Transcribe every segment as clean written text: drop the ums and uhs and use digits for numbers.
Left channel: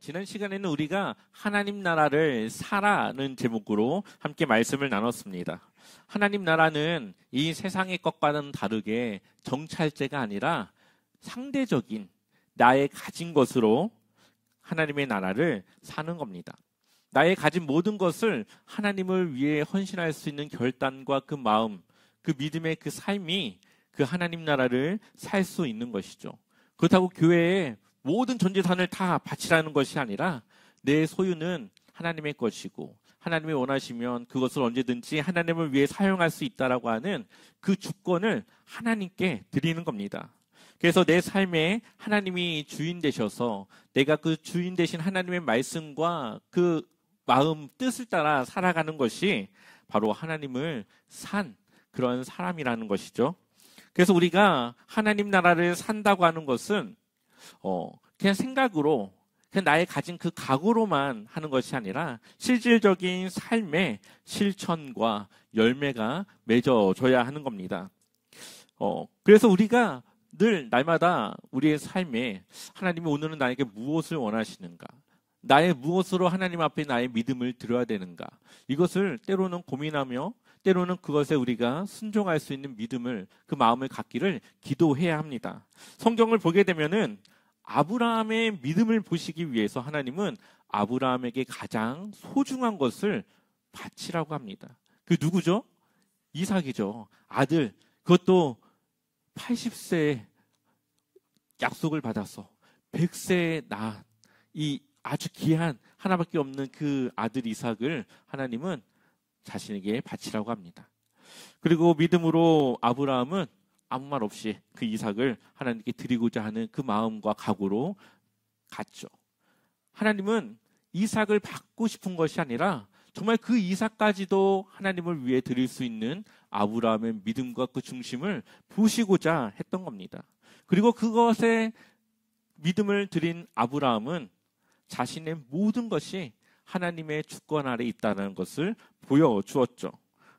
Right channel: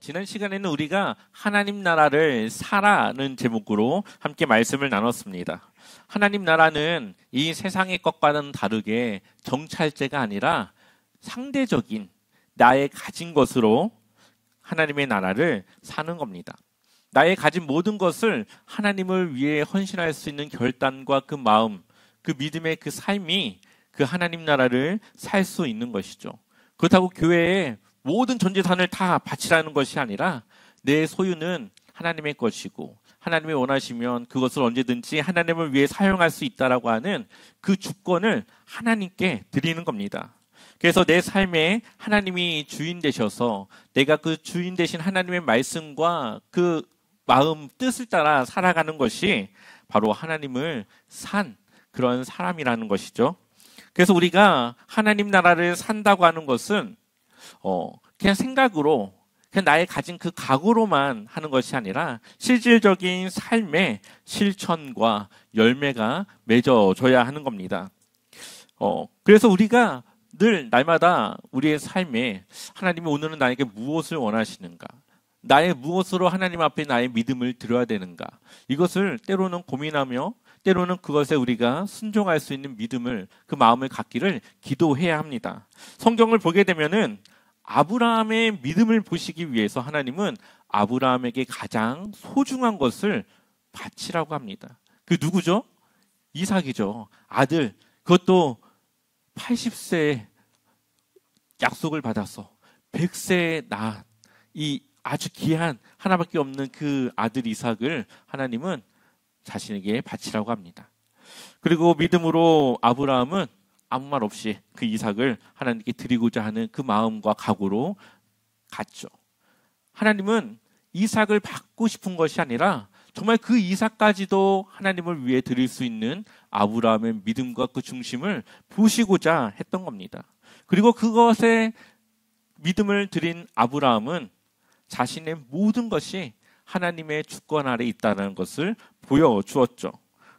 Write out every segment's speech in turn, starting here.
지난 시간에는 우리가 하나님 나라를 사라는 제목으로 함께 말씀을 나눴습니다. 하나님 나라는 이 세상의 것과는 다르게 정찰제가 아니라 상대적인 나의 가진 것으로 하나님의 나라를 사는 겁니다. 나의 가진 모든 것을 하나님을 위해 헌신할 수 있는 결단과 그 마음, 그 믿음의 그 삶이 그 하나님 나라를 살 수 있는 것이죠. 그렇다고 교회에 모든 전 재산을 다 바치라는 것이 아니라 내 소유는 하나님의 것이고 하나님이 원하시면 그것을 언제든지 하나님을 위해 사용할 수 있다라고 하는 그 주권을 하나님께 드리는 겁니다. 그래서 내 삶에 하나님이 주인 되셔서 내가 그 주인 되신 하나님의 말씀과 그 마음, 뜻을 따라 살아가는 것이 바로 하나님을 산 그런 사람이라는 것이죠. 그래서 우리가 하나님 나라를 산다고 하는 것은 그냥 생각으로, 그냥 나의 가진 그 각오로만 하는 것이 아니라 실질적인 삶의 실천과 열매가 맺어져야 하는 겁니다. 그래서 우리가 늘 날마다 우리의 삶에 하나님이 오늘은 나에게 무엇을 원하시는가? 나의 무엇으로 하나님 앞에 나의 믿음을 드려야 되는가? 이것을 때로는 고민하며 때로는 그것에 우리가 순종할 수 있는 믿음을, 그 마음을 갖기를 기도해야 합니다. 성경을 보게 되면은 아브라함의 믿음을 보시기 위해서 하나님은 아브라함에게 가장 소중한 것을 바치라고 합니다. 그 누구죠? 이삭이죠. 아들. 그것도 80세에 약속을 받아서 100세에 낳은 이 아주 귀한 하나밖에 없는 그 아들 이삭을 하나님은 자신에게 바치라고 합니다. 그리고 믿음으로 아브라함은 아무 말 없이 그 이삭을 하나님께 드리고자 하는 그 마음과 각오로 갔죠. 하나님은 이삭을 받고 싶은 것이 아니라 정말 그 이삭까지도 하나님을 위해 드릴 수 있는 아브라함의 믿음과 그 중심을 보시고자 했던 겁니다. 그리고 그것에 믿음을 드린 아브라함은 자신의 모든 것이 하나님의 주권 아래 있다는 것을 보여주었죠.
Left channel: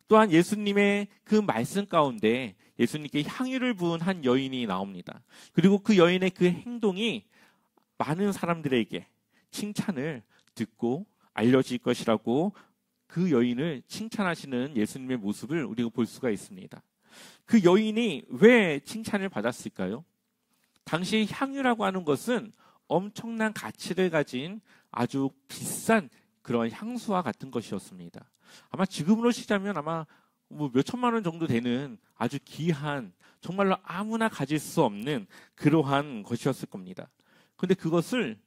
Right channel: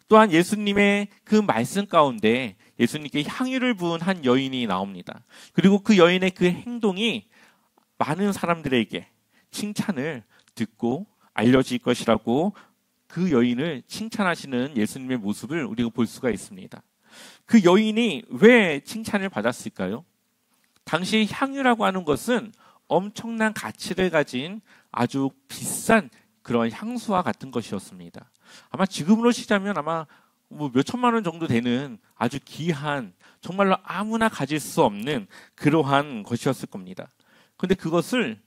또한 예수님의 그 말씀 가운데 예수님께 향유를 부은 한 여인이 나옵니다. 그리고 그 여인의 그 행동이 많은 사람들에게 칭찬을 듣고 알려질 것이라고 그 여인을 칭찬하시는 예수님의 모습을 우리가 볼 수가 있습니다. 그 여인이 왜 칭찬을 받았을까요? 당시 향유라고 하는 것은 엄청난 가치를 가진 아주 비싼 그런 향수와 같은 것이었습니다. 아마 지금으로 치자면 아마 몇 천만 원 정도 되는 아주 귀한, 정말로 아무나 가질 수 없는 그러한 것이었을 겁니다. 그런데 그것을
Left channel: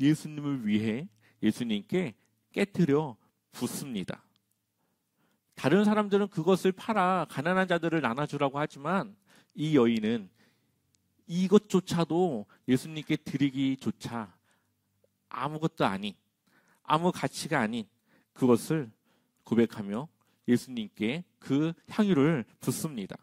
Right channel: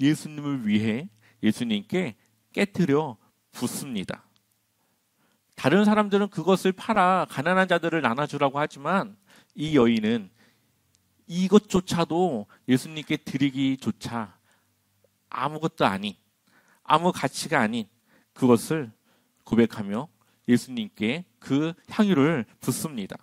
예수님을 위해 예수님께 깨트려 붓습니다. 다른 사람들은 그것을 팔아 가난한 자들을 나눠주라고 하지만 이 여인은 이것조차도 예수님께 드리기조차 아무것도 아닌, 아무 가치가 아닌 그것을 고백하며 예수님께 그 향유를 붓습니다.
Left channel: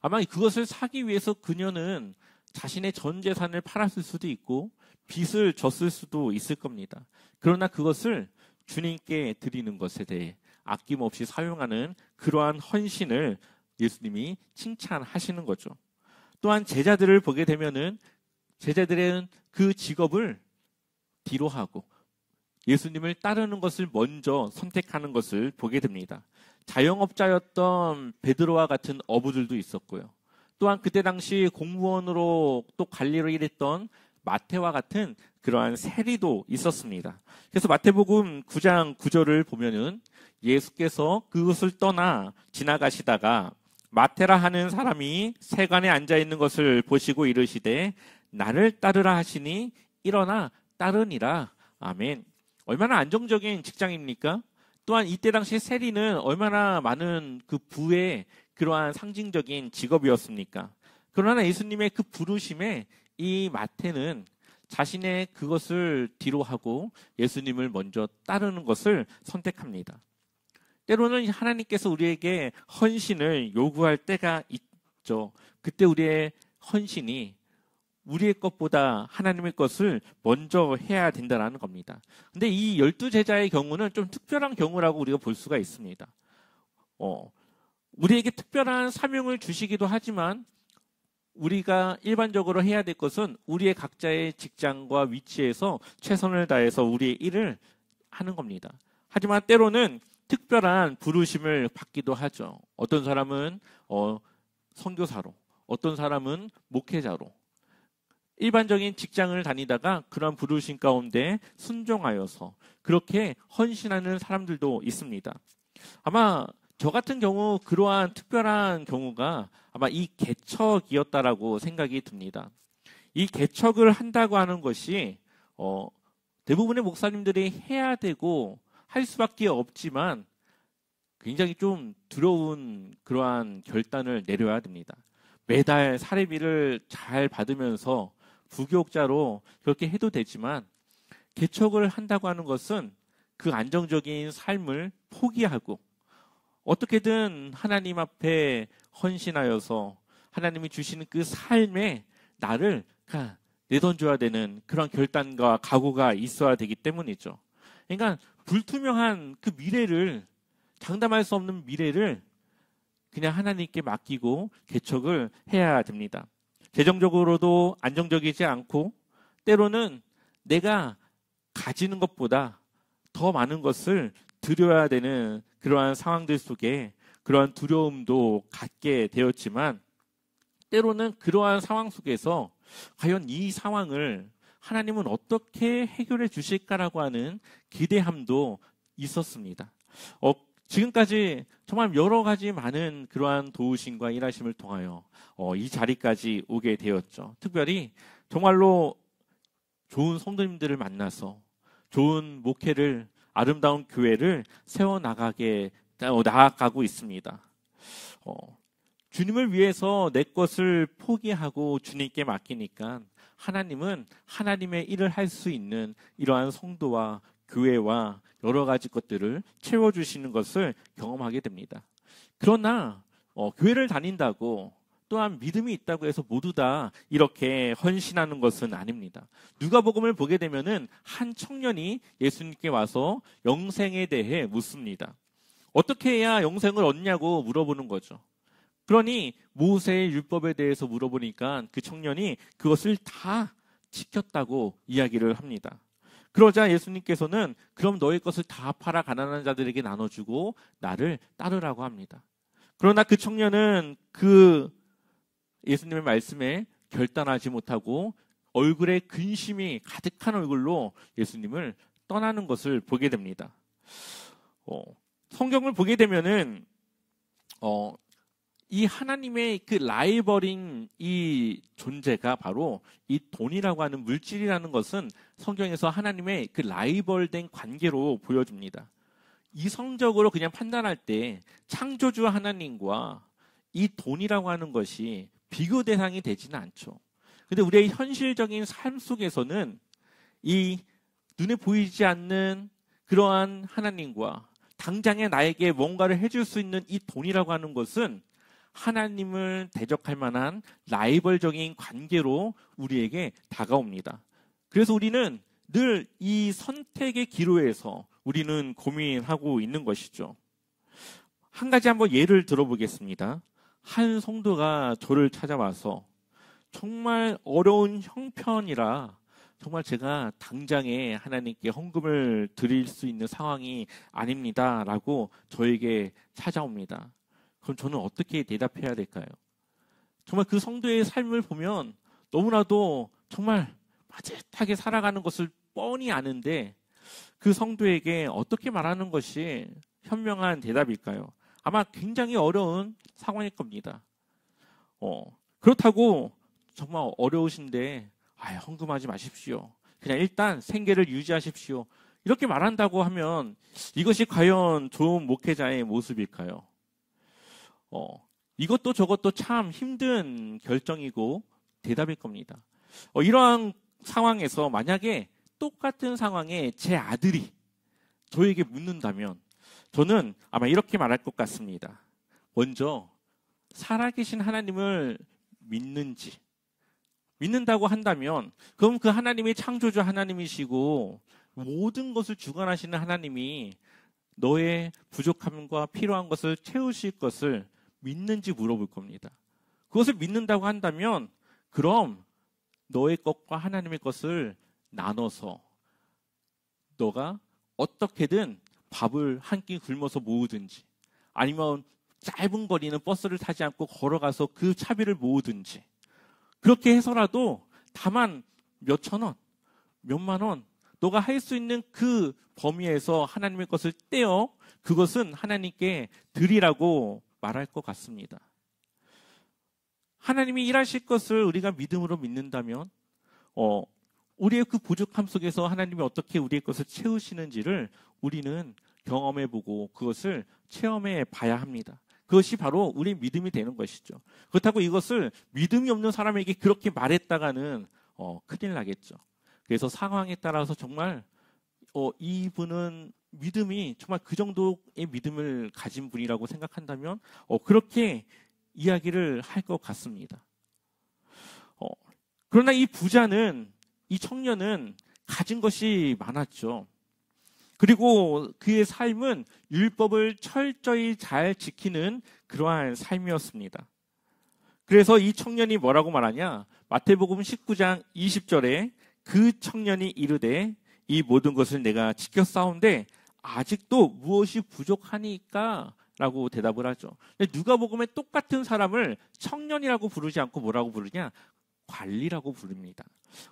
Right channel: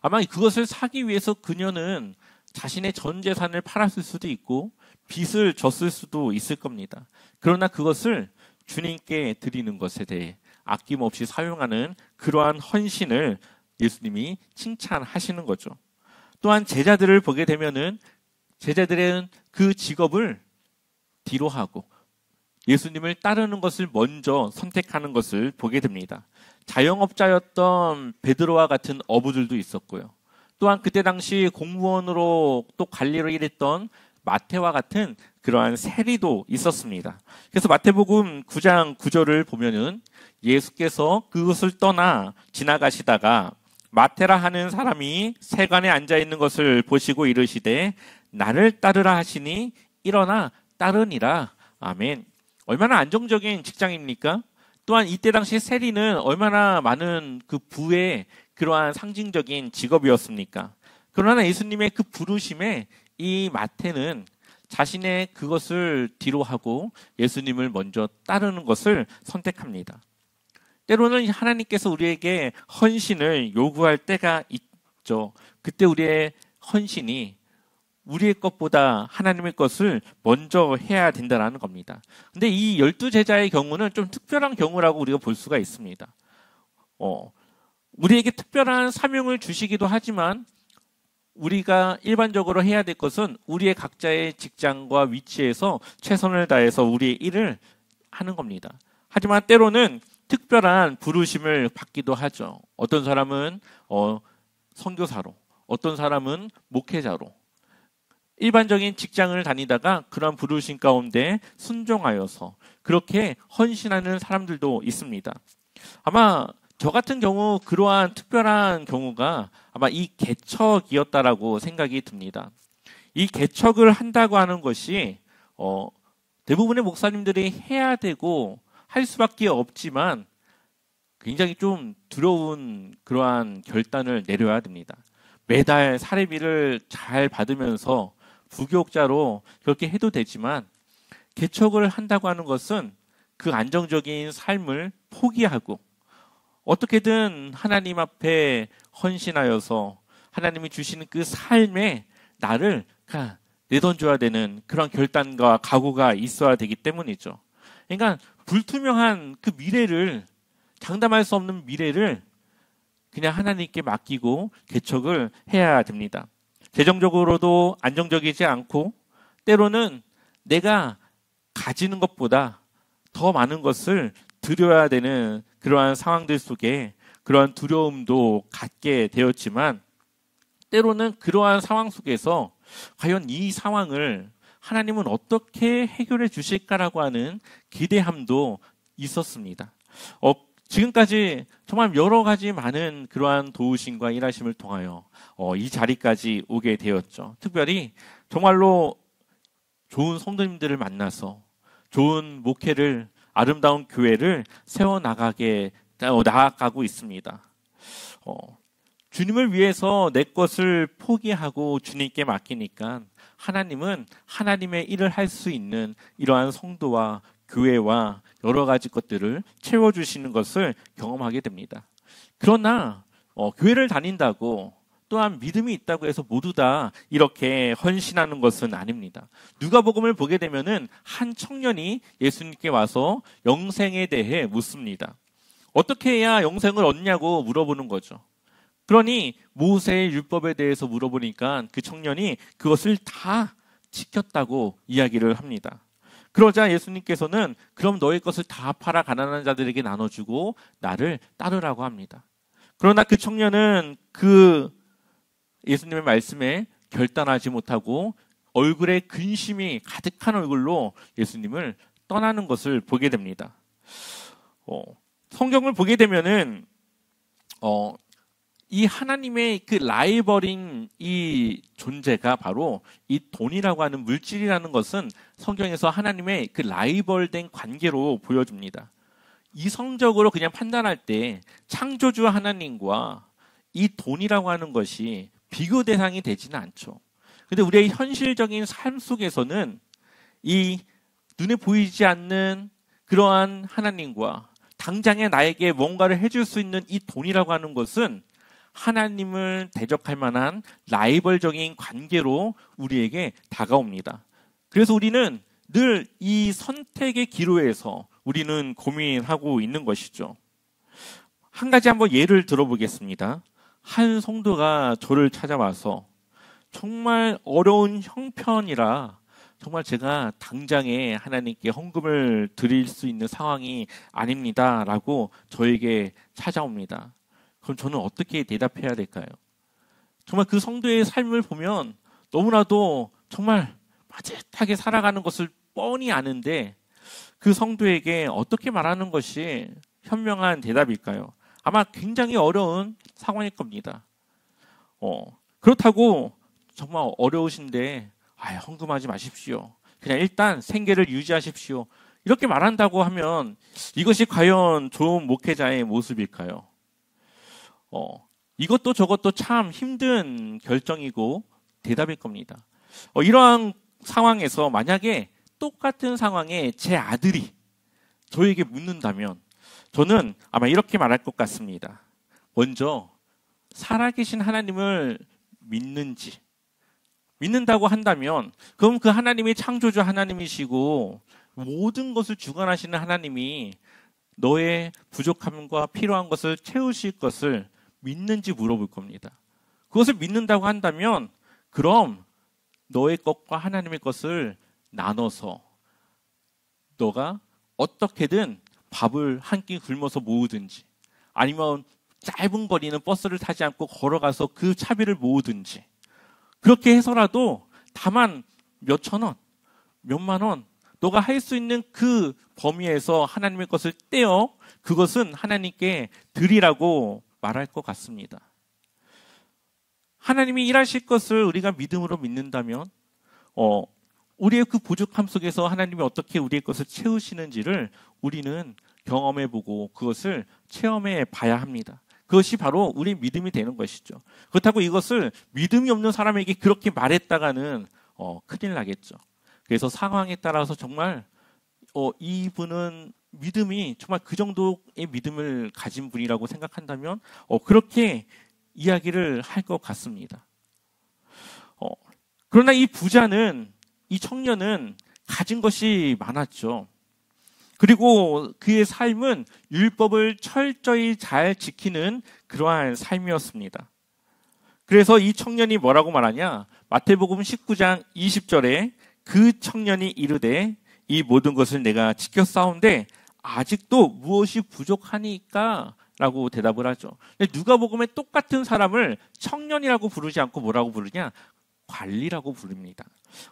아마 그것을 사기 위해서 그녀는 자신의 전 재산을 팔았을 수도 있고 빚을 졌을 수도 있을 겁니다. 그러나 그것을 주님께 드리는 것에 대해 아낌없이 사용하는 그러한 헌신을 예수님이 칭찬하시는 거죠. 또한 제자들을 보게 되면은 제자들은 그 직업을 뒤로 하고 예수님을 따르는 것을 먼저 선택하는 것을 보게 됩니다. 자영업자였던 베드로와 같은 어부들도 있었고요. 또한 그때 당시 공무원으로 또 관리를 일했던 마태와 같은 그러한 세리도 있었습니다. 그래서 마태복음 9장 9절을 보면은 예수께서 그것을 떠나 지나가시다가 마태라 하는 사람이 세관에 앉아 있는 것을 보시고 이르시되 나를 따르라 하시니 일어나 따르니라. 아멘. 얼마나 안정적인 직장입니까? 또한 이때 당시 세리는 얼마나 많은 그 부의 그러한 상징적인 직업이었습니까? 그러나 예수님의 그 부르심에 이 마태는 자신의 그것을 뒤로 하고 예수님을 먼저 따르는 것을 선택합니다. 때로는 하나님께서 우리에게 헌신을 요구할 때가 있죠. 그때 우리의 헌신이 우리의 것보다 하나님의 것을 먼저 해야 된다는 겁니다. 근데 이 12제자의 경우는 좀 특별한 경우라고 우리가 볼 수가 있습니다. 우리에게 특별한 사명을 주시기도 하지만 우리가 일반적으로 해야 될 것은 우리의 각자의 직장과 위치에서 최선을 다해서 우리의 일을 하는 겁니다. 하지만 때로는 특별한 부르심을 받기도 하죠. 어떤 사람은 선교사로, 어떤 사람은 목회자로, 일반적인 직장을 다니다가 그런 부르심 가운데 순종하여서 그렇게 헌신하는 사람들도 있습니다. 아마 저 같은 경우 그러한 특별한 경우가 아마 이 개척이었다라고 생각이 듭니다. 이 개척을 한다고 하는 것이 대부분의 목사님들이 해야 되고 할 수밖에 없지만 굉장히 좀 두려운 그러한 결단을 내려야 됩니다. 매달 사례비를 잘 받으면서 부교육자로 그렇게 해도 되지만 개척을 한다고 하는 것은 그 안정적인 삶을 포기하고 어떻게든 하나님 앞에 헌신하여서 하나님이 주시는 그 삶에 나를 내던져야 되는 그런 결단과 각오가 있어야 되기 때문이죠. 그러니까 불투명한 그 미래를, 장담할 수 없는 미래를 그냥 하나님께 맡기고 개척을 해야 됩니다. 재정적으로도 안정적이지 않고 때로는 내가 가지는 것보다 더 많은 것을 드려야 되는 그러한 상황들 속에 그러한 두려움도 갖게 되었지만 때로는 그러한 상황 속에서 과연 이 상황을 하나님은 어떻게 해결해 주실까라고 하는 기대함도 있었습니다. 지금까지 정말 여러 가지 많은 그러한 도우심과 일하심을 통하여 이 자리까지 오게 되었죠. 특별히 정말로 좋은 성도님들을 만나서 좋은 목회를, 아름다운 교회를 나아가고 있습니다. 주님을 위해서 내 것을 포기하고 주님께 맡기니까 하나님은 하나님의 일을 할 수 있는 이러한 성도와 교회와 여러 가지 것들을 채워주시는 것을 경험하게 됩니다. 그러나 교회를 다닌다고 또한 믿음이 있다고 해서 모두 다 이렇게 헌신하는 것은 아닙니다. 누가복음을 보게 되면은 한 청년이 예수님께 와서 영생에 대해 묻습니다. 어떻게 해야 영생을 얻냐고 물어보는 거죠. 그러니 모세의 율법에 대해서 물어보니까 그 청년이 그것을 다 지켰다고 이야기를 합니다. 그러자 예수님께서는 그럼 너의 것을 다 팔아 가난한 자들에게 나눠주고 나를 따르라고 합니다. 그러나 그 청년은 그 예수님의 말씀에 결단하지 못하고 얼굴에 근심이 가득한 얼굴로 예수님을 떠나는 것을 보게 됩니다. 성경을 보게 되면은 이 하나님의 그 라이벌인 이 존재가 바로 이 돈이라고 하는 물질이라는 것은 성경에서 하나님의 그 라이벌된 관계로 보여줍니다. 이성적으로 그냥 판단할 때 창조주 하나님과 이 돈이라고 하는 것이 비교 대상이 되지는 않죠. 근데 우리의 현실적인 삶 속에서는 이 눈에 보이지 않는 그러한 하나님과 당장에 나에게 뭔가를 해줄 수 있는 이 돈이라고 하는 것은 하나님을 대적할 만한 라이벌적인 관계로 우리에게 다가옵니다. 그래서 우리는 늘 이 선택의 기로에서 우리는 고민하고 있는 것이죠. 한 가지 한번 예를 들어보겠습니다. 한 성도가 저를 찾아와서 정말 어려운 형편이라 정말 제가 당장에 하나님께 헌금을 드릴 수 있는 상황이 아닙니다 라고 저에게 찾아옵니다. 그럼 저는 어떻게 대답해야 될까요? 정말 그 성도의 삶을 보면 너무나도 정말 빠듯하게 살아가는 것을 뻔히 아는데 그 성도에게 어떻게 말하는 것이 현명한 대답일까요? 아마 굉장히 어려운 상황일 겁니다. 그렇다고 정말 어려우신데 헌금하지 마십시오. 그냥 일단 생계를 유지하십시오. 이렇게 말한다고 하면 이것이 과연 좋은 목회자의 모습일까요? 이것도 저것도 참 힘든 결정이고 대답일 겁니다. 이러한 상황에서 만약에 똑같은 상황에 제 아들이 저에게 묻는다면 저는 아마 이렇게 말할 것 같습니다. 먼저 살아계신 하나님을 믿는다고 한다면 그럼 그 하나님이 창조주 하나님이시고 모든 것을 주관하시는 하나님이 너의 부족함과 필요한 것을 채우실 것을 믿는지 물어볼 겁니다. 그것을 믿는다고 한다면 그럼 너의 것과 하나님의 것을 나눠서 너가 어떻게든 밥을 한 끼 굶어서 모으든지 아니면 짧은 거리는 버스를 타지 않고 걸어가서 그 차비를 모으든지 그렇게 해서라도 다만 몇천 원, 몇만 원 너가 할 수 있는 그 범위에서 하나님의 것을 떼어 그것은 하나님께 드리라고 말할 것 같습니다. 하나님이 일하실 것을 우리가 믿음으로 믿는다면 우리의 그 부족함 속에서 하나님이 어떻게 우리의 것을 채우시는지를 우리는 경험해보고 그것을 체험해 봐야 합니다. 그것이 바로 우리의 믿음이 되는 것이죠. 그렇다고 이것을 믿음이 없는 사람에게 그렇게 말했다가는 큰일 나겠죠. 그래서 상황에 따라서 정말 이분은 믿음이 정말 그 정도의 믿음을 가진 분이라고 생각한다면 그렇게 이야기를 할 것 같습니다. 그러나 이 청년은 가진 것이 많았죠. 그리고 그의 삶은 율법을 철저히 잘 지키는 그러한 삶이었습니다. 그래서 이 청년이 뭐라고 말하냐? 마태복음 19장 20절에 그 청년이 이르되 이 모든 것을 내가 지켰사온데 아직도 무엇이 부족하니까? 라고 대답을 하죠. 누가복음에 똑같은 사람을 청년이라고 부르지 않고 뭐라고 부르냐? 관리라고 부릅니다.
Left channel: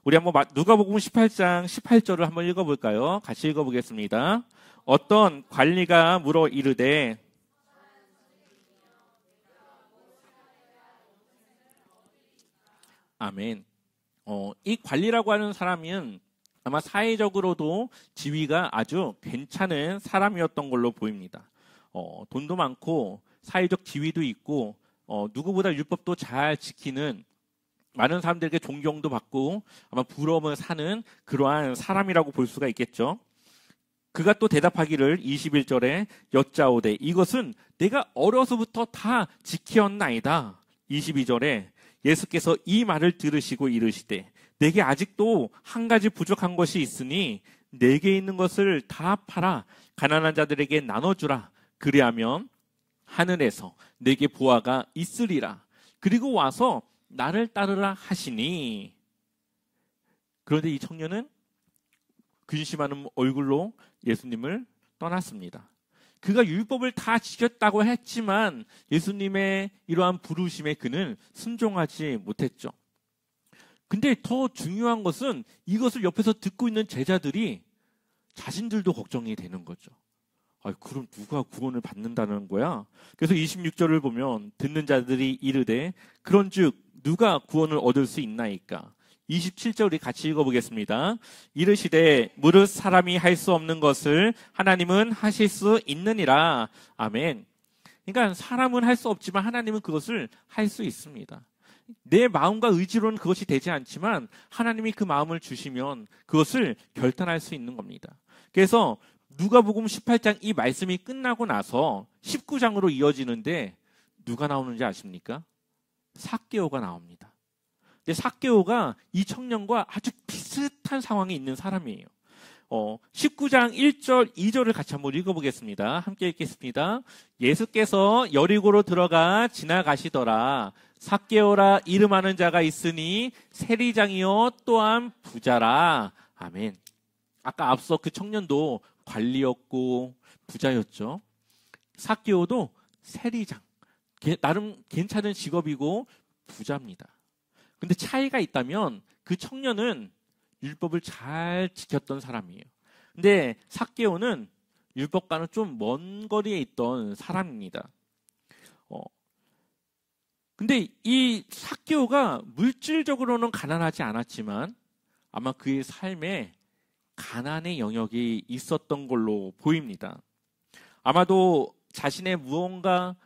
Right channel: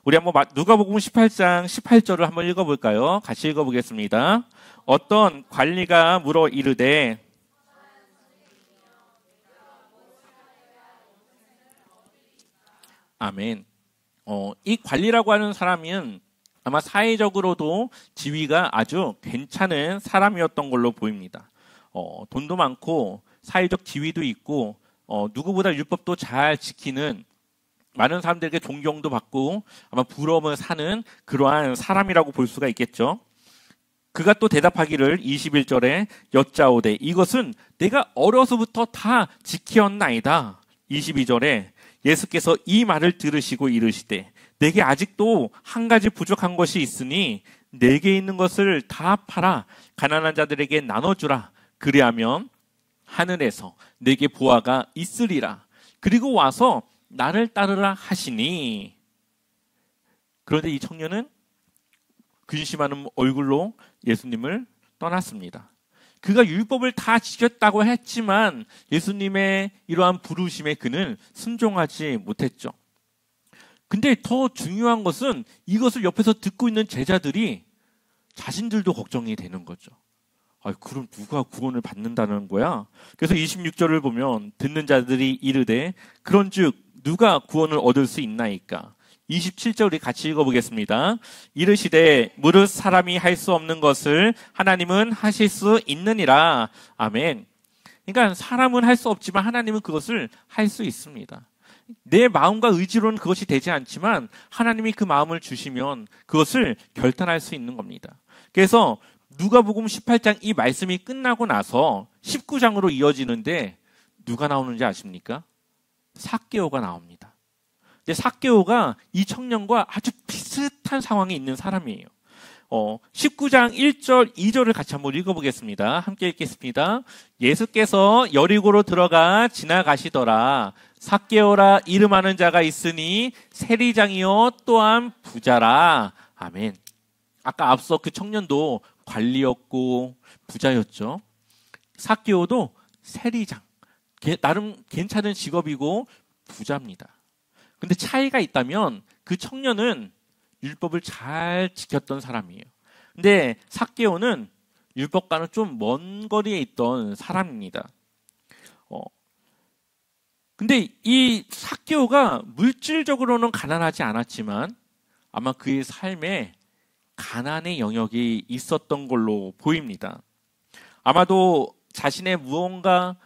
우리 한번 누가복음 18장 18절을 한번 읽어볼까요? 같이 읽어보겠습니다. 어떤 관리가 물어 이르되 아멘. 이 관리라고 하는 사람은 아마 사회적으로도 지위가 아주 괜찮은 사람이었던 걸로 보입니다. 돈도 많고 사회적 지위도 있고 누구보다 율법도 잘 지키는 많은 사람들에게 존경도 받고 아마 부러움을 사는 그러한 사람이라고 볼 수가 있겠죠. 그가 또 대답하기를 21절에 여짜오되 이것은 내가 어려서부터 다 지켰나이다. 22절에 예수께서 이 말을 들으시고 이르시되 내게 아직도 한 가지 부족한 것이 있으니 내게 있는 것을 다 팔아 가난한 자들에게 나눠주라. 그리하면 하늘에서 내게 보화가 있으리라. 그리고 와서 나를 따르라 하시니. 그런데 이 청년은 근심하는 얼굴로 예수님을 떠났습니다. 그가 율법을 다 지켰다고 했지만 예수님의 이러한 부르심에 그는 순종하지 못했죠. 근데 더 중요한 것은 이것을 옆에서 듣고 있는 제자들이 자신들도 걱정이 되는 거죠. 그럼 누가 구원을 받는다는 거야? 그래서 26절을 보면 듣는 자들이 이르되 그런즉 누가 구원을 얻을 수 있나이까? 27절 우리 같이 읽어보겠습니다. 이르시되 무릇 사람이 할 수 없는 것을 하나님은 하실 수 있느니라. 아멘. 그러니까 사람은 할 수 없지만 하나님은 그것을 할 수 있습니다. 내 마음과 의지로는 그것이 되지 않지만 하나님이 그 마음을 주시면 그것을 결단할 수 있는 겁니다. 그래서 누가복음 18장 이 말씀이 끝나고 나서 19장으로 이어지는데 누가 나오는지 아십니까? 삭개오가 나옵니다. 근데 삭개오가 이 청년과 아주 비슷한 상황에 있는 사람이에요. 19장 1절, 2절을 같이 한번 읽어보겠습니다. 함께 읽겠습니다. 예수께서 여리고로 들어가 지나가시더라. 삭개오라 이름하는 자가 있으니 세리장이요 또한 부자라. 아멘. 아까 앞서 그 청년도 관리였고 부자였죠. 삭개오도 세리장. 나름 괜찮은 직업이고 부자입니다. 근데 차이가 있다면 그 청년은 율법을 잘 지켰던 사람이에요. 근데 삭개오는 율법과는 좀 먼 거리에 있던 사람입니다. 근데 이 삭개오가 물질적으로는 가난하지 않았지만 아마 그의 삶에 가난의 영역이 있었던 걸로 보입니다. 아마도 자신의 무언가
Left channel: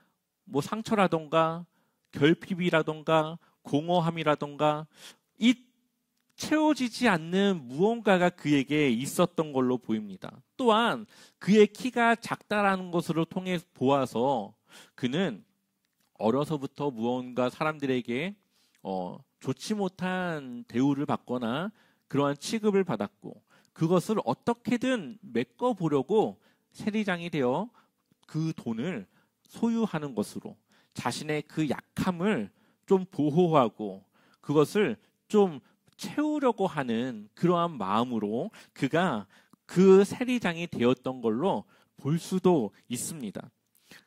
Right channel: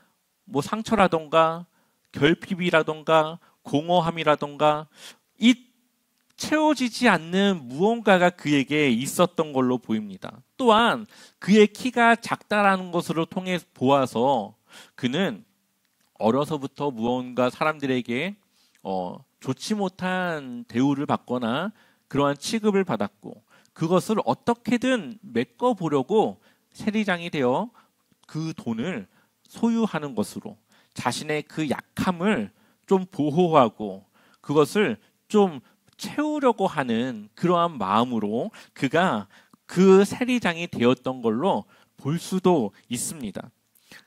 상처라던가 결핍이라던가 공허함이라던가 이 채워지지 않는 무언가가 그에게 있었던 걸로 보입니다. 또한 그의 키가 작다라는 것으로 통해 보아서 그는 어려서부터 무언가 사람들에게 좋지 못한 대우를 받거나 그러한 취급을 받았고 그것을 어떻게든 메꿔보려고 세리장이 되어 그 돈을 소유하는 것으로 자신의 그 약함을 좀 보호하고 그것을 좀 채우려고 하는 그러한 마음으로 그가 그 세리장이 되었던 걸로 볼 수도 있습니다.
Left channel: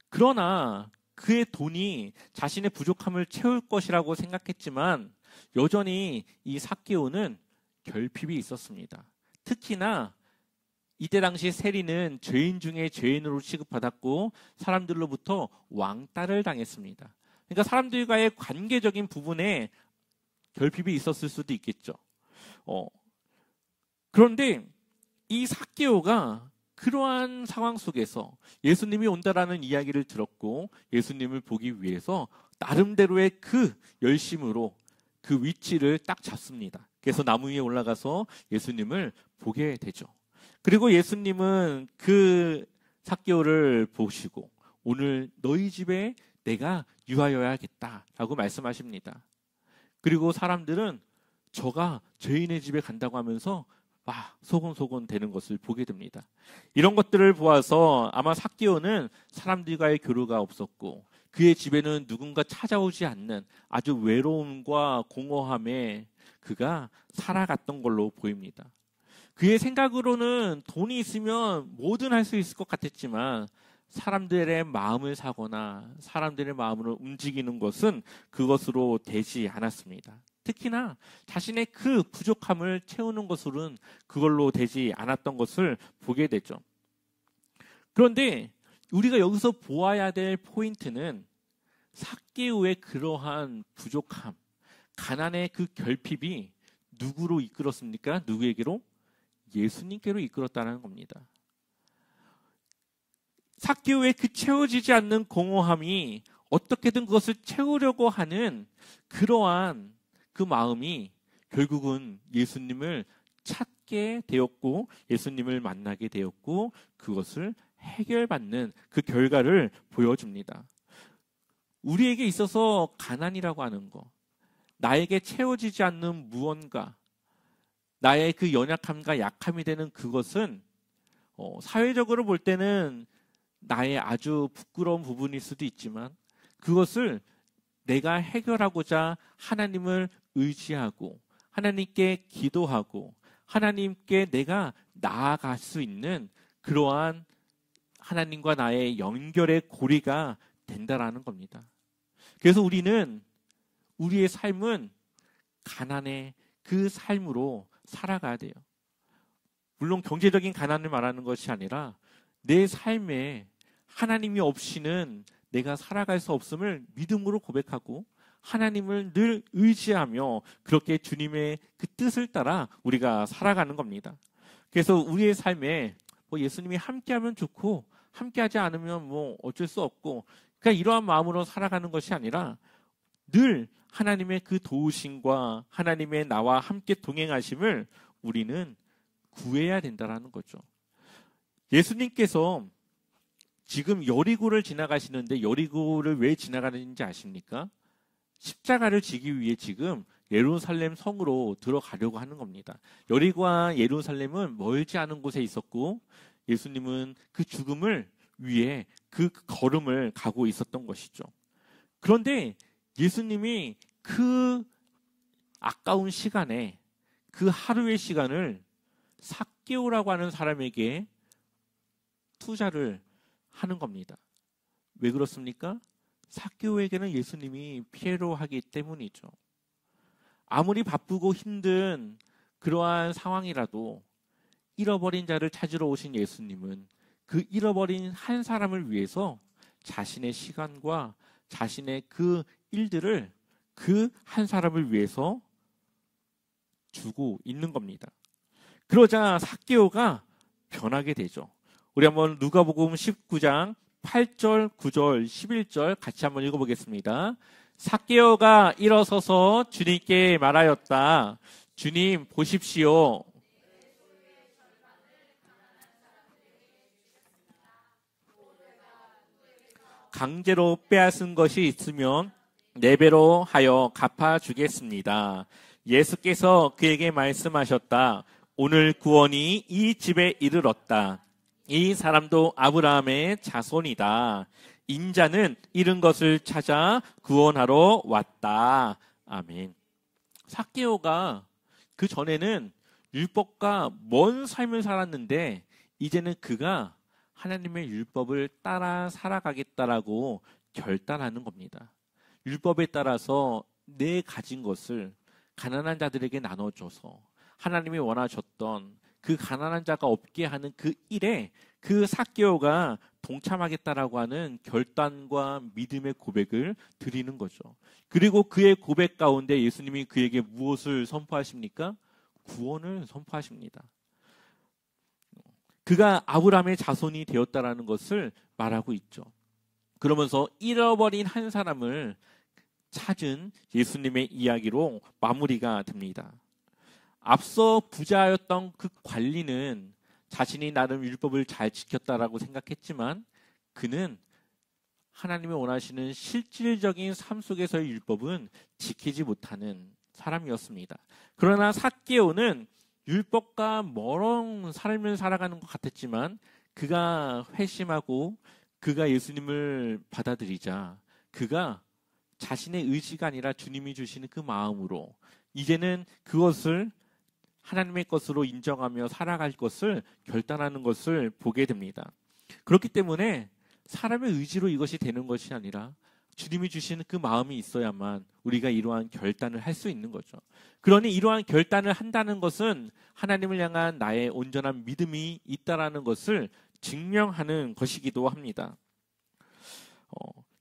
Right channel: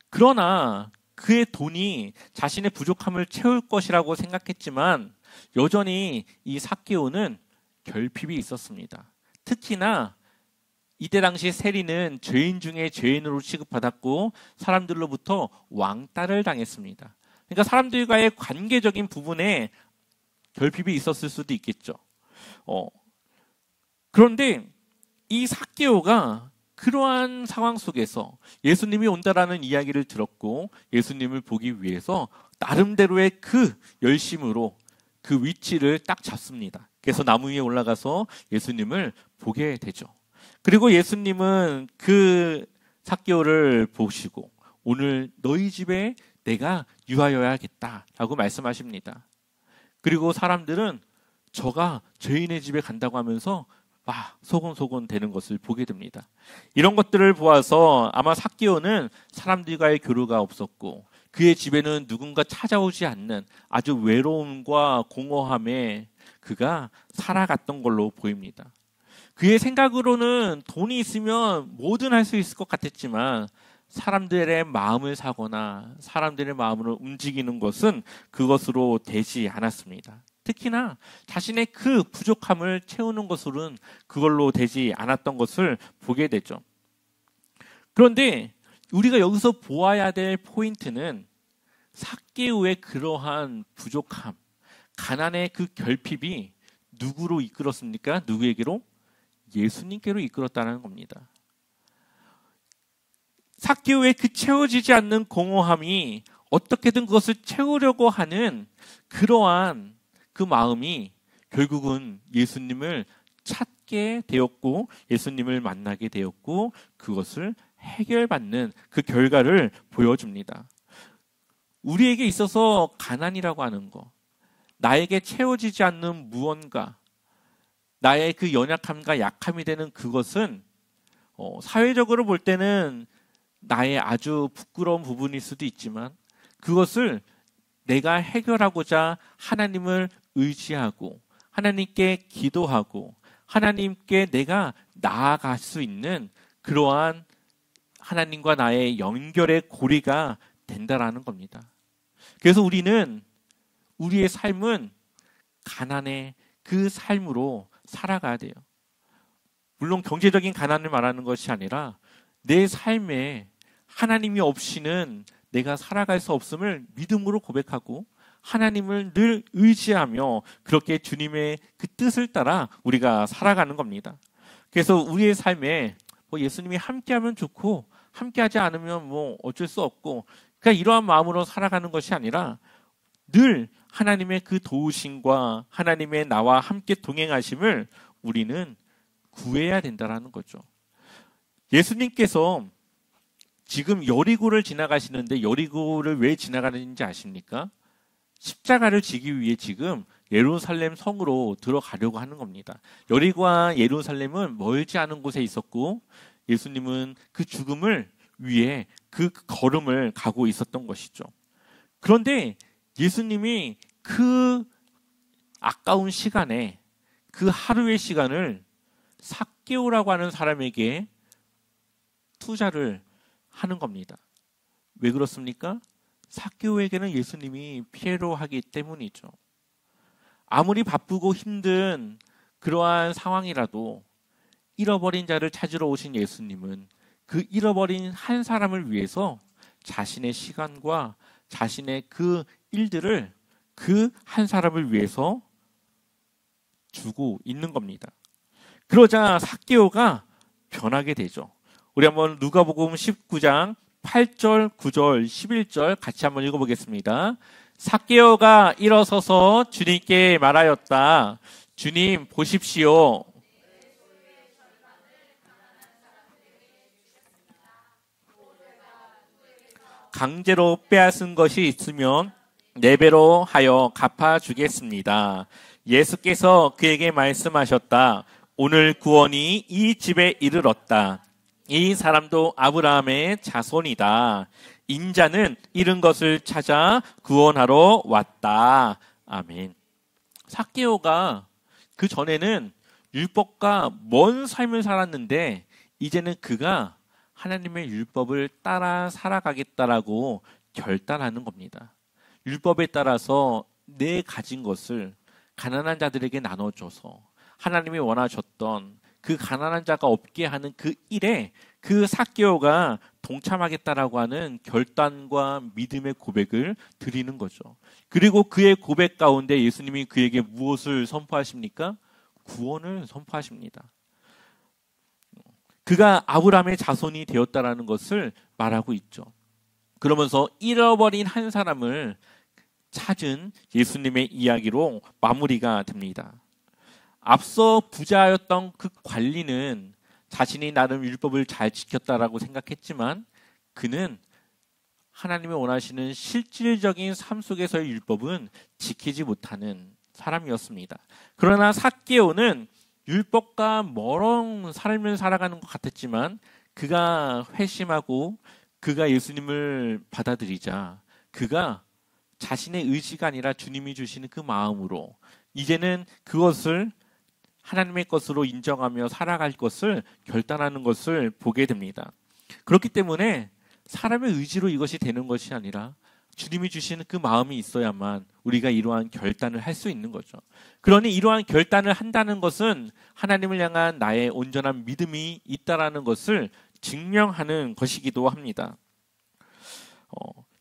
그러나 그의 돈이 자신의 부족함을 채울 것이라고 생각했지만 여전히 이 삭개오는 결핍이 있었습니다. 특히나 이때 당시 세리는 죄인 중에 죄인으로 취급받았고 사람들로부터 왕따를 당했습니다. 그러니까 사람들과의 관계적인 부분에 결핍이 있었을 수도 있겠죠. 그런데 이 삭개오가 그러한 상황 속에서 예수님이 온다라는 이야기를 들었고 예수님을 보기 위해서 나름대로의 그 열심으로 그 위치를 딱 잡습니다. 그래서 나무 위에 올라가서 예수님을 보게 되죠. 그리고 예수님은 그 삭개오를 보시고 오늘 너희 집에 내가 유하여야겠다라고 말씀하십니다. 그리고 사람들은 저가 죄인의 집에 간다고 하면서 막 소곤소곤 되는 것을 보게 됩니다. 이런 것들을 보아서 아마 삭개오는 사람들과의 교류가 없었고 그의 집에는 누군가 찾아오지 않는 아주 외로움과 공허함에 그가 살아갔던 걸로 보입니다. 그의 생각으로는 돈이 있으면 뭐든 할 수 있을 것 같았지만 사람들의 마음을 사거나 사람들의 마음으로 움직이는 것은 그것으로 되지 않았습니다. 특히나 자신의 그 부족함을 채우는 것으로는 그걸로 되지 않았던 것을 보게 되죠. 그런데 우리가 여기서 보아야 될 포인트는 삭개오의 그러한 부족함, 가난의 그 결핍이 누구로 이끌었습니까? 누구에게로? 예수님께로 이끌었다는 겁니다. 삭개오의 그 채워지지 않는 공허함이 어떻게든 그것을 채우려고 하는 그러한 그 마음이 결국은 예수님을 찾게 되었고 예수님을 만나게 되었고 그것을 해결받는 그 결과를 보여줍니다. 우리에게 있어서 가난이라고 하는 것, 나에게 채워지지 않는 무언가, 나의 그 연약함과 약함이 되는 그것은 사회적으로 볼 때는 나의 아주 부끄러운 부분일 수도 있지만 그것을 내가 해결하고자 하나님을 의지하고 하나님께 기도하고 하나님께 내가 나아갈 수 있는 그러한 하나님과 나의 연결의 고리가 된다라는 겁니다. 그래서 우리는 우리의 삶은 가난의 그 삶으로 살아가야 돼요. 물론 경제적인 가난을 말하는 것이 아니라 내 삶에 하나님이 없이는 내가 살아갈 수 없음을 믿음으로 고백하고 하나님을 늘 의지하며 그렇게 주님의 그 뜻을 따라 우리가 살아가는 겁니다. 그래서 우리의 삶에 예수님이 함께하면 좋고 함께하지 않으면 어쩔 수 없고 그러니까 이러한 마음으로 살아가는 것이 아니라 늘 하나님의 그 도우심과 하나님의 나와 함께 동행하심을 우리는 구해야 된다는 거죠. 예수님께서 지금 여리고를 지나가시는데 여리고를 왜 지나가는지 아십니까? 십자가를 지기 위해 지금 예루살렘 성으로 들어가려고 하는 겁니다. 여리고와 예루살렘은 멀지 않은 곳에 있었고 예수님은 그 죽음을 위해 그 걸음을 가고 있었던 것이죠. 그런데 예수님이 그 아까운 시간에 그 하루의 시간을 삭개오라고 하는 사람에게 투자를 하는 겁니다. 왜 그렇습니까? 삭개오에게는 예수님이 필요로 하기 때문이죠. 아무리 바쁘고 힘든 그러한 상황이라도 잃어버린 자를 찾으러 오신 예수님은 그 잃어버린 한 사람을 위해서 자신의 시간과 자신의 그 일들을 그 한 사람을 위해서 주고 있는 겁니다. 그러자 삭개오가 변하게 되죠. 우리 한번 누가복음 19장 8절, 9절, 11절 같이 한번 읽어보겠습니다. 삭개오가 일어서서 주님께 말하였다. 주님 보십시오. 강제로 빼앗은 것이 있으면 4배로 하여 갚아주겠습니다. 예수께서 그에게 말씀하셨다. 오늘 구원이 이 집에 이르렀다. 이 사람도 아브라함의 자손이다. 인자는 잃은 것을 찾아 구원하러 왔다. 아멘. 삭개오가 그 전에는 율법과 먼 삶을 살았는데 이제는 그가 하나님의 율법을 따라 살아가겠다라고 결단하는 겁니다. 율법에 따라서 내 가진 것을 가난한 자들에게 나눠줘서 하나님이 원하셨던 그 가난한 자가 없게 하는 그 일에 그 삭개오가 동참하겠다라고 하는 결단과 믿음의 고백을 드리는 거죠. 그리고 그의 고백 가운데 예수님이 그에게 무엇을 선포하십니까? 구원을 선포하십니다. 그가 아브라함의 자손이 되었다라는 것을 말하고 있죠. 그러면서 잃어버린 한 사람을 찾은 예수님의 이야기로 마무리가 됩니다. 앞서 부자였던 그 관리는 자신이 나름 율법을 잘 지켰다라고 생각했지만 그는 하나님이 원하시는 실질적인 삶 속에서의 율법은 지키지 못하는 사람이었습니다. 그러나 삭개오는 율법과 멀은 삶을 살아가는 것 같았지만 그가 회심하고 그가 예수님을 받아들이자 그가 자신의 의지가 아니라 주님이 주시는 그 마음으로 이제는 그것을 하나님의 것으로 인정하며 살아갈 것을 결단하는 것을 보게 됩니다. 그렇기 때문에 사람의 의지로 이것이 되는 것이 아니라 주님이 주시는 그 마음이 있어야만 우리가 이러한 결단을 할 수 있는 거죠. 그러니 이러한 결단을 한다는 것은 하나님을 향한 나의 온전한 믿음이 있다라는 것을 증명하는 것이기도 합니다.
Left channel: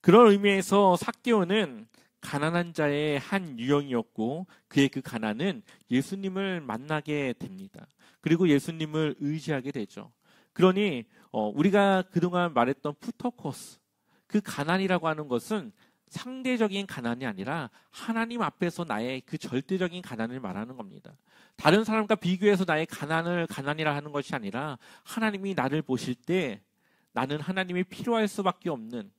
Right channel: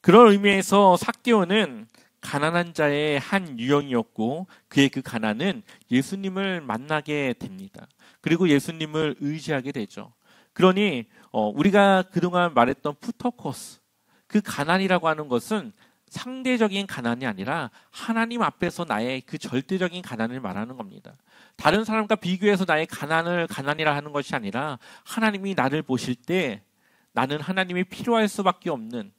그런 의미에서 삭개오는 가난한 자의 한 유형이었고 그의 그 가난은 예수님을 만나게 됩니다. 그리고 예수님을 의지하게 되죠. 그러니 우리가 그동안 말했던 푸터코스, 그 가난이라고 하는 것은 상대적인 가난이 아니라 하나님 앞에서 나의 그 절대적인 가난을 말하는 겁니다. 다른 사람과 비교해서 나의 가난을 가난이라 하는 것이 아니라 하나님이 나를 보실 때 나는 하나님이 필요할 수밖에 없는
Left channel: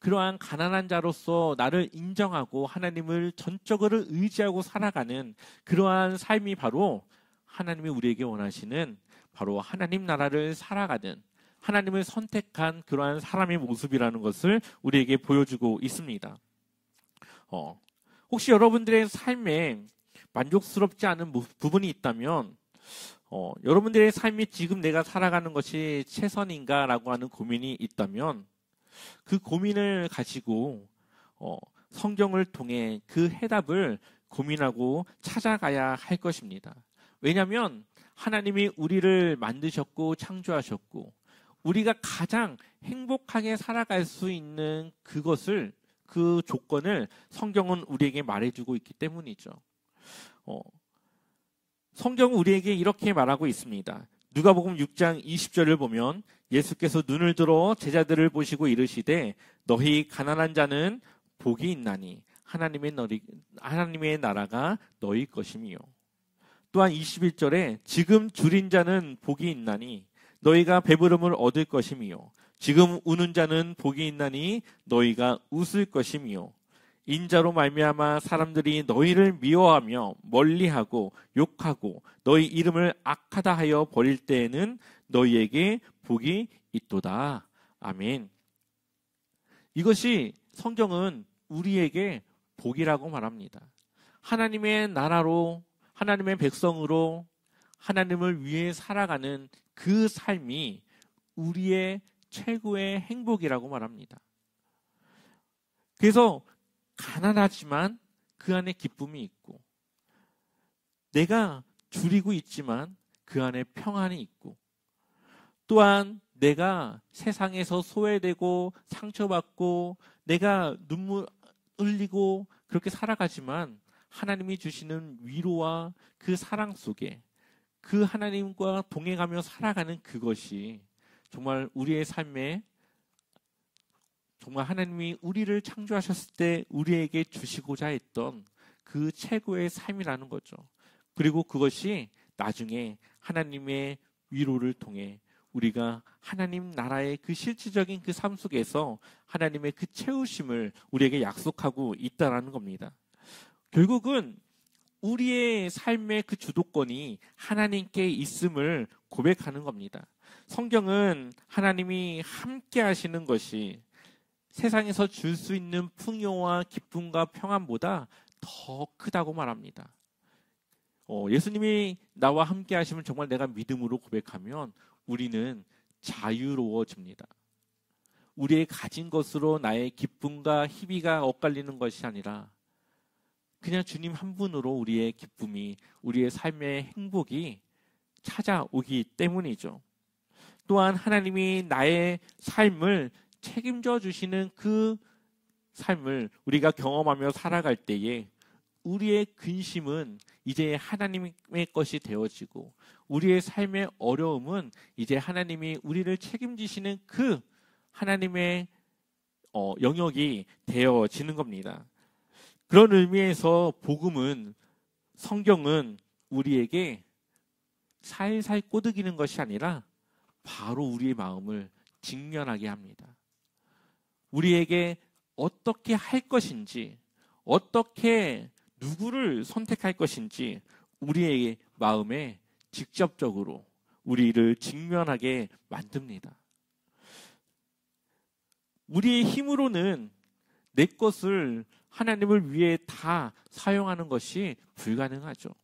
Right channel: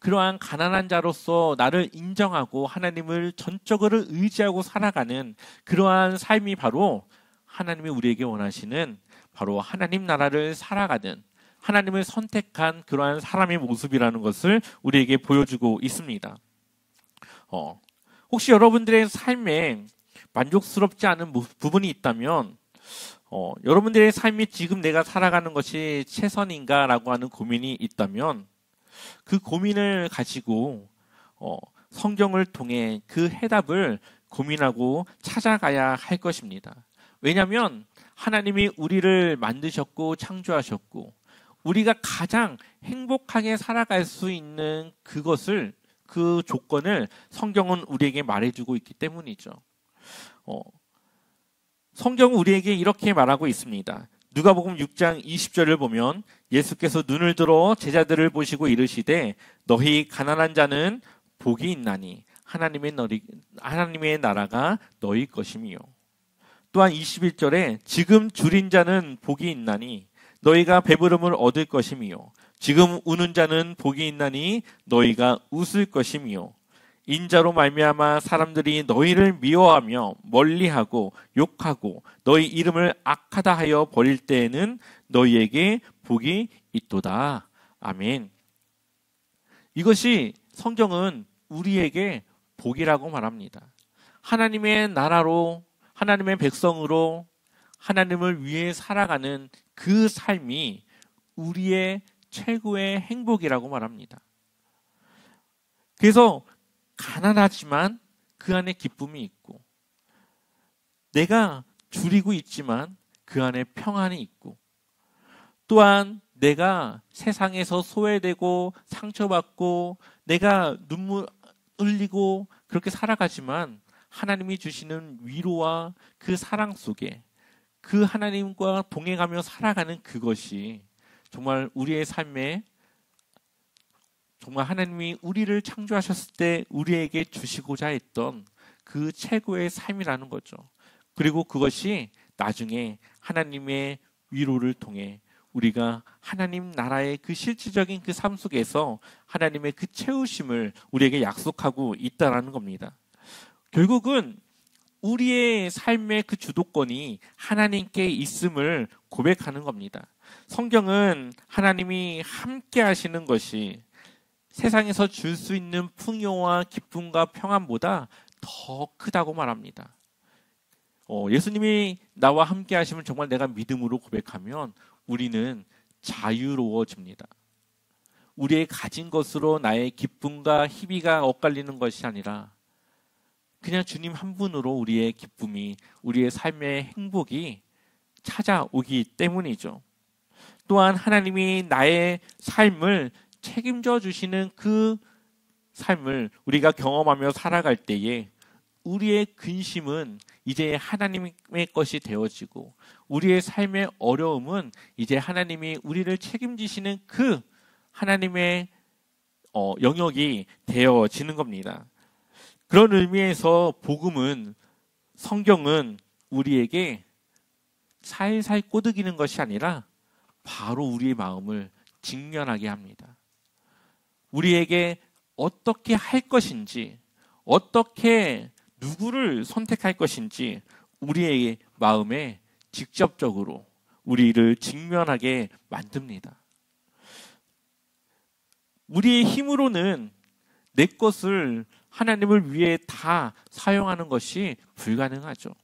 그러한 가난한 자로서 나를 인정하고 하나님을 전적으로 의지하고 살아가는 그러한 삶이 바로 하나님이 우리에게 원하시는 바로 하나님 나라를 살아가는 하나님을 선택한 그러한 사람의 모습이라는 것을 우리에게 보여주고 있습니다. 혹시 여러분들의 삶에 만족스럽지 않은 부분이 있다면 여러분들의 삶이 지금 내가 살아가는 것이 최선인가라고 하는 고민이 있다면 그 고민을 가지고 성경을 통해 그 해답을 고민하고 찾아가야 할 것입니다. 왜냐하면 하나님이 우리를 만드셨고 창조하셨고 우리가 가장 행복하게 살아갈 수 있는 그것을 그 조건을 성경은 우리에게 말해주고 있기 때문이죠. 성경은 우리에게 이렇게 말하고 있습니다. 누가복음 6장 20절을 보면 예수께서 눈을 들어 제자들을 보시고 이르시되 너희 가난한 자는 복이 있나니 하나님의 나라가 너희 것이미요. 또한 21절에 지금 줄인 자는 복이 있나니 너희가 배부름을 얻을 것이미요. 지금 우는 자는 복이 있나니 너희가 웃을 것이미요. 인자로 말미암아 사람들이 너희를 미워하며 멀리하고 욕하고 너희 이름을 악하다 하여 버릴 때에는 너희에게 복이 있도다. 아멘. 이것이 성경은 우리에게 복이라고 말합니다. 하나님의 나라로 하나님의 백성으로 하나님을 위해 살아가는 그 삶이 우리의 최고의 행복이라고 말합니다. 그래서 가난하지만 그 안에 기쁨이 있고 내가 줄이고 있지만 그 안에 평안이 있고 또한 내가 세상에서 소외되고 상처받고 내가 눈물 흘리고 그렇게 살아가지만 하나님이 주시는 위로와 그 사랑 속에 그 하나님과 동행하며 살아가는 그것이 정말 우리의 삶에 정말 하나님이 우리를 창조하셨을 때 우리에게 주시고자 했던 그 최고의 삶이라는 거죠. 그리고 그것이 나중에 하나님의 위로를 통해 우리가 하나님 나라의 그 실질적인 그 삶 속에서 하나님의 그 채우심을 우리에게 약속하고 있다는 겁니다. 결국은 우리의 삶의 그 주도권이 하나님께 있음을 고백하는 겁니다. 성경은 하나님이 함께 하시는 것이 세상에서 줄 수 있는 풍요와 기쁨과 평안보다 더 크다고 말합니다. 예수님이 나와 함께 하시면 정말 내가 믿음으로 고백하면 우리는 자유로워집니다. 우리의 가진 것으로 나의 기쁨과 희비가 엇갈리는 것이 아니라 그냥 주님 한 분으로 우리의 기쁨이, 우리의 삶의 행복이 찾아오기 때문이죠. 또한 하나님이 나의 삶을 책임져 주시는 그 삶을 우리가 경험하며 살아갈 때에 우리의 근심은 이제 하나님의 것이 되어지고 우리의 삶의 어려움은 이제 하나님이 우리를 책임지시는 그 하나님의 영역이 되어지는 겁니다. 그런 의미에서 복음은, 성경은 우리에게 살살 꼬드기는 것이 아니라 바로 우리의 마음을 직면하게 합니다. 우리에게 어떻게 할 것인지, 어떻게 누구를 선택할 것인지 우리의 마음에 직접적으로 우리를 직면하게 만듭니다. 우리의 힘으로는 내 것을 하나님을 위해 다 사용하는 것이 불가능하죠.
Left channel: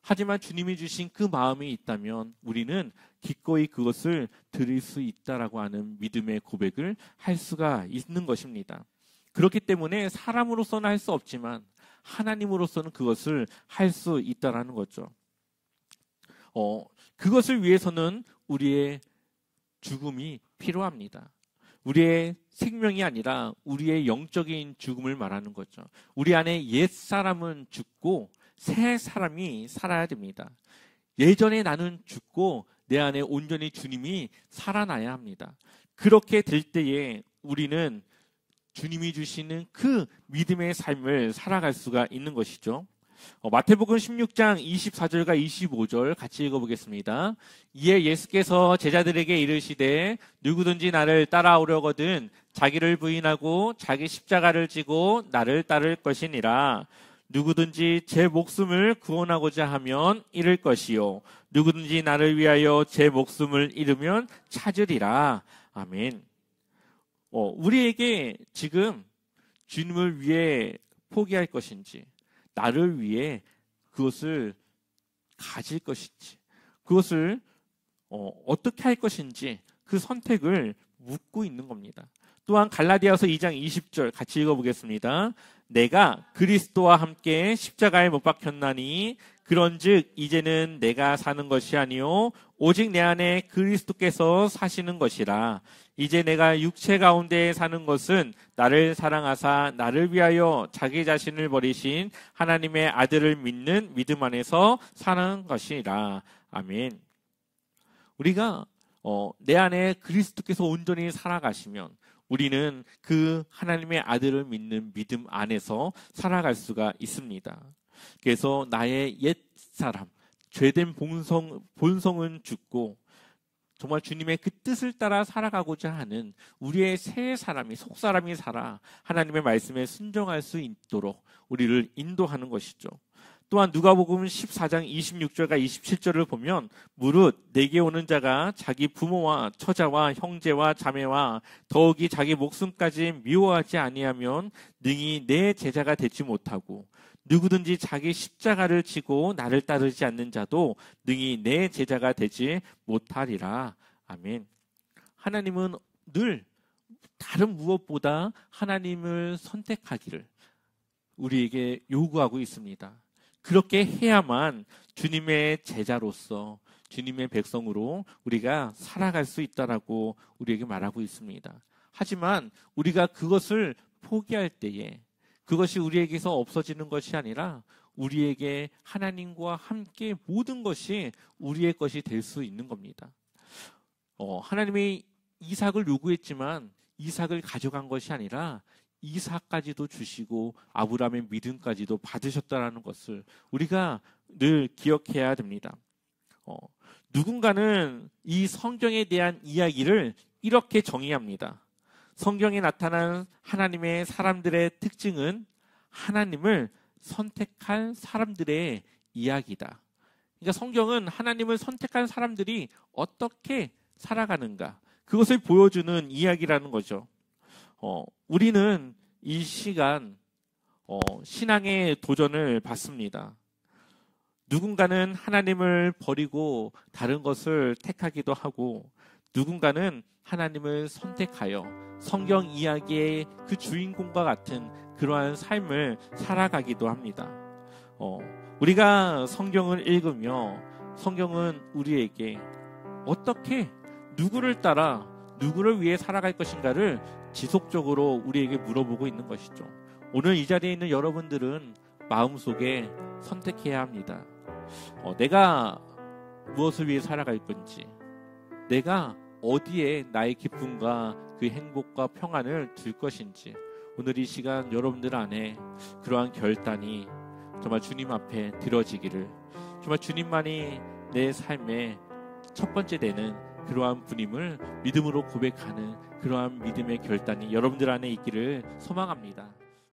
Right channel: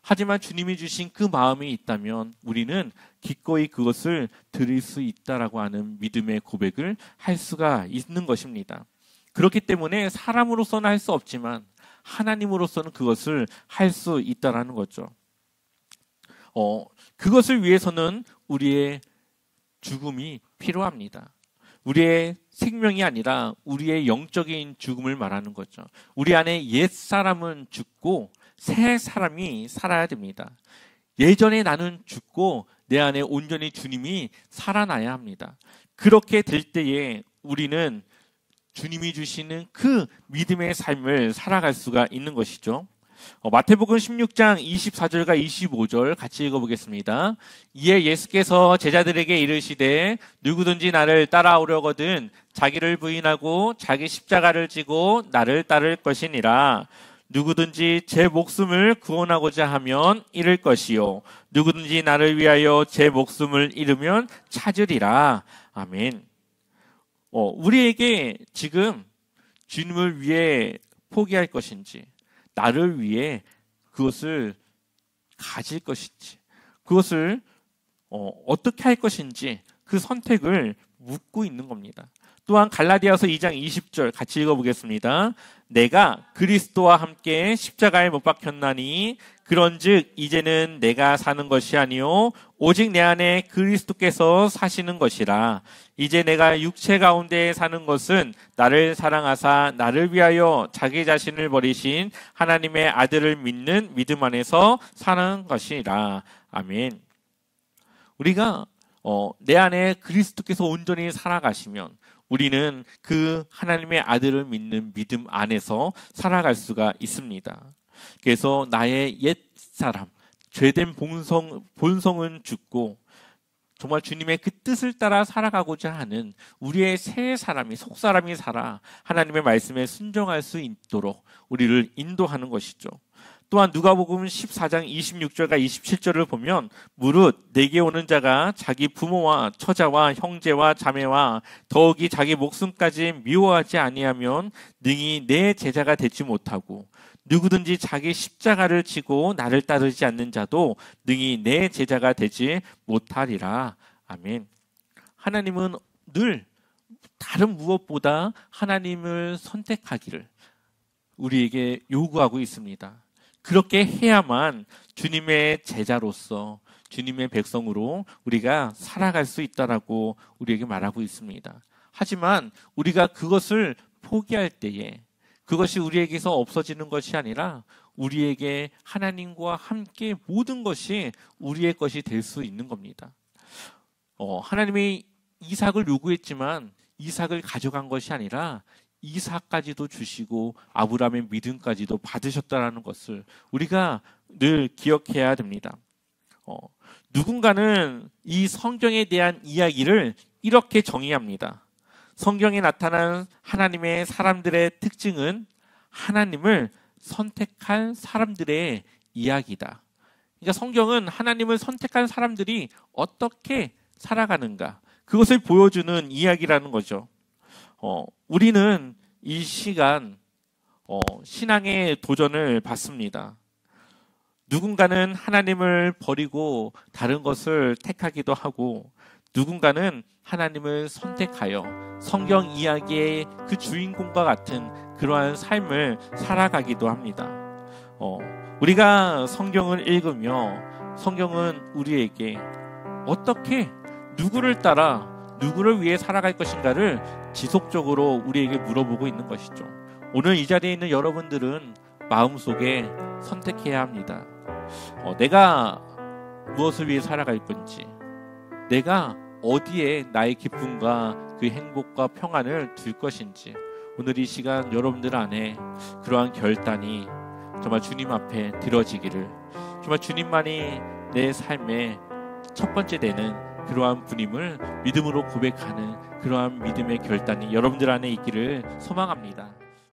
하지만 주님이 주신 그 마음이 있다면 우리는 기꺼이 그것을 드릴 수 있다라고 하는 믿음의 고백을 할 수가 있는 것입니다. 그렇기 때문에 사람으로서는 할 수 없지만 하나님으로서는 그것을 할 수 있다라는 거죠. 그것을 위해서는 우리의 죽음이 필요합니다. 우리의 생명이 아니라 우리의 영적인 죽음을 말하는 거죠. 우리 안에 옛 사람은 죽고 새 사람이 살아야 됩니다. 예전에 나는 죽고 내 안에 온전히 주님이 살아나야 합니다. 그렇게 될 때에 우리는 주님이 주시는 그 믿음의 삶을 살아갈 수가 있는 것이죠. 마태복음 16장 24절과 25절 같이 읽어보겠습니다. 이에 예수께서 제자들에게 이르시되 누구든지 나를 따라오려거든 자기를 부인하고 자기 십자가를 지고 나를 따를 것이니라. 누구든지 제 목숨을 구원하고자 하면 잃을 것이요 누구든지 나를 위하여 제 목숨을 잃으면 찾으리라. 아멘. 우리에게 지금 주님을 위해 포기할 것인지 나를 위해 그것을 가질 것인지 그것을 어떻게 할 것인지 그 선택을 묻고 있는 겁니다. 또한 갈라디아서 2장 20절 같이 읽어보겠습니다. 내가 그리스도와 함께 십자가에 못 박혔나니 그런즉 이제는 내가 사는 것이 아니요 오직 내 안에 그리스도께서 사시는 것이라. 이제 내가 육체 가운데 사는 것은 나를 사랑하사 나를 위하여 자기 자신을 버리신 하나님의 아들을 믿는 믿음 안에서 사는 것이라. 아멘. 우리가 내 안에 그리스도께서 온전히 살아가시면 우리는 그 하나님의 아들을 믿는 믿음 안에서 살아갈 수가 있습니다. 그래서 나의 옛 사람, 죄된 본성은 죽고 정말 주님의 그 뜻을 따라 살아가고자 하는 우리의 새 사람이, 속사람이 살아 하나님의 말씀에 순종할 수 있도록 우리를 인도하는 것이죠. 또한 누가복음 14장 26절과 27절을 보면 무릇 내게 오는 자가 자기 부모와 처자와 형제와 자매와 더욱이 자기 목숨까지 미워하지 아니하면 능히 내 제자가 되지 못하고 누구든지 자기 십자가를 지고 나를 따르지 않는 자도 능히 내 제자가 되지 못하리라. 아멘. 하나님은 늘 다른 무엇보다 하나님을 선택하기를 우리에게 요구하고 있습니다. 그렇게 해야만 주님의 제자로서 주님의 백성으로 우리가 살아갈 수 있다라고 우리에게 말하고 있습니다. 하지만 우리가 그것을 포기할 때에 그것이 우리에게서 없어지는 것이 아니라 우리에게 하나님과 함께 모든 것이 우리의 것이 될 수 있는 겁니다. 하나님이 이삭을 요구했지만 이삭을 가져간 것이 아니라 이삭까지도 주시고 아브라함의 믿음까지도 받으셨다는 것을 우리가 늘 기억해야 됩니다. 누군가는 이 성경에 대한 이야기를 이렇게 정의합니다. 성경에 나타난 하나님의 사람들의 특징은 하나님을 선택한 사람들의 이야기다. 그러니까 성경은 하나님을 선택한 사람들이 어떻게 살아가는가 그것을 보여주는 이야기라는 거죠. 우리는 이 시간 신앙의 도전을 받습니다. 누군가는 하나님을 버리고 다른 것을 택하기도 하고, 누군가는 하나님을 선택하여 성경 이야기의 그 주인공과 같은 그러한 삶을 살아가기도 합니다. 우리가 성경을 읽으며 성경은 우리에게 어떻게 누구를 따라 누구를 위해 살아갈 것인가를 지속적으로 우리에게 물어보고 있는 것이죠. 오늘 이 자리에 있는 여러분들은 마음속에 선택해야 합니다. 내가 무엇을 위해 살아갈 건지, 내가 어디에 나의 기쁨과 그 행복과 평안을 둘 것인지, 오늘 이 시간 여러분들 안에 그러한 결단이 정말 주님 앞에 들어지기를, 정말 주님만이 내 삶의 첫 번째 되는 그러한 분임을 믿음으로 고백하는 그러한 믿음의 결단이 여러분들 안에 있기를 소망합니다.